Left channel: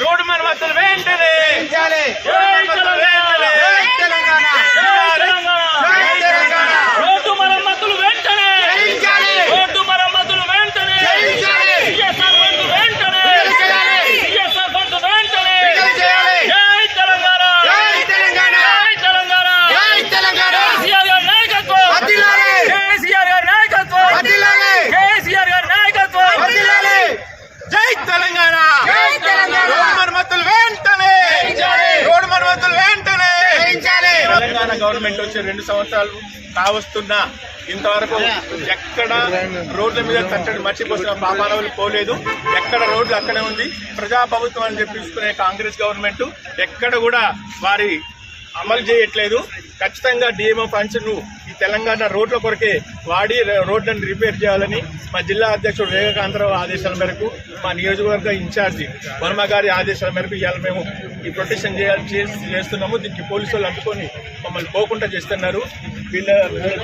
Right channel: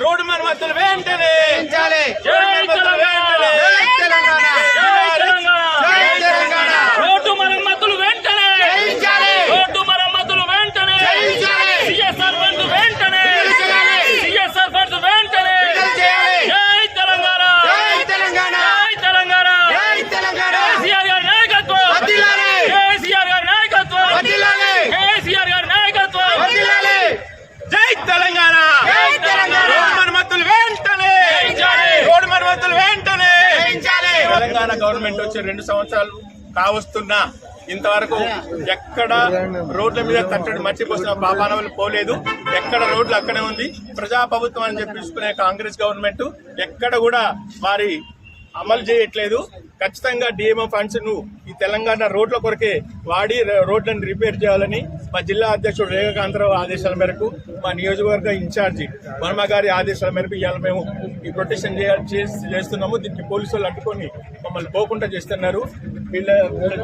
Road మరమ్మతులు వెంటనే జై తెలంగాణ జై తెలంగాణ రోడ్డు మరమ్మతులు వెంటనే రోడ్డు మరమ్మతులు వెంటనే సిఎస్ఆర్ ఫండ్ వెంటనే సిఎస్ఆర్ ఫండ్ వెంటనే జై తెలంగాణ జై తెలంగాణ కేసీఆర్ గారి నాయకత్వం కేసీఆర్ గారి నాయకత్వం కేసీఆర్ గారి నాయకత్వం జై తెలంగాణ. మరమ్మతులు వెంటనే. రోడ్డు మరమ్మతులు వెంటనే. తెలంగాణ గవర్నమెంట్ వచ్చి రెండు సంవత్సరాలు కావస్తున్నా ఇంతవరకు ఎక్కడ రోడ్ల మీద తట్టడి మర్చిపోసిన పాపానవులు పోలేదు. ఎక్కడ రోడ్లు అక్కడే ఉంది. ప్రజాప్రభుత్వం అని చెప్పి చూసుకునే కాంగ్రెస్ గవర్నమెంట్ ఎక్కడ కూడా వారి అమలు చేయట్లేదు. ఖచ్చితంగా డిఎంఓ ఫండ్స్ను ఈ తెలంగాణ రోడ్ల కొరకే వాడి రోడ్లను రిపేర్ చేయాలని మా జిల్లా అధ్యక్షుడు వివేకాంతరావు ఆదేశాల మేరకు మా నియోజకవర్గ ఇన్ఛార్జి వర్మ గారి ఆదేశాల మేరకు ఇవాళ మేము ఈ ప్రొటెక్షన్ చేయాలి చేస్తున్నాము. దీనికి పోలీసు అడ్డుకొని మమ్మల్ని పోకుండా చేస్తున్నారు. వీళ్ళ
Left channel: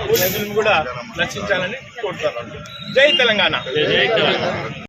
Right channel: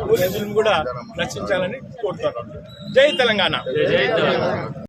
పోలీసులను కూడా రక్షించాలని కోరుతున్నాను జై తెలంగాణ.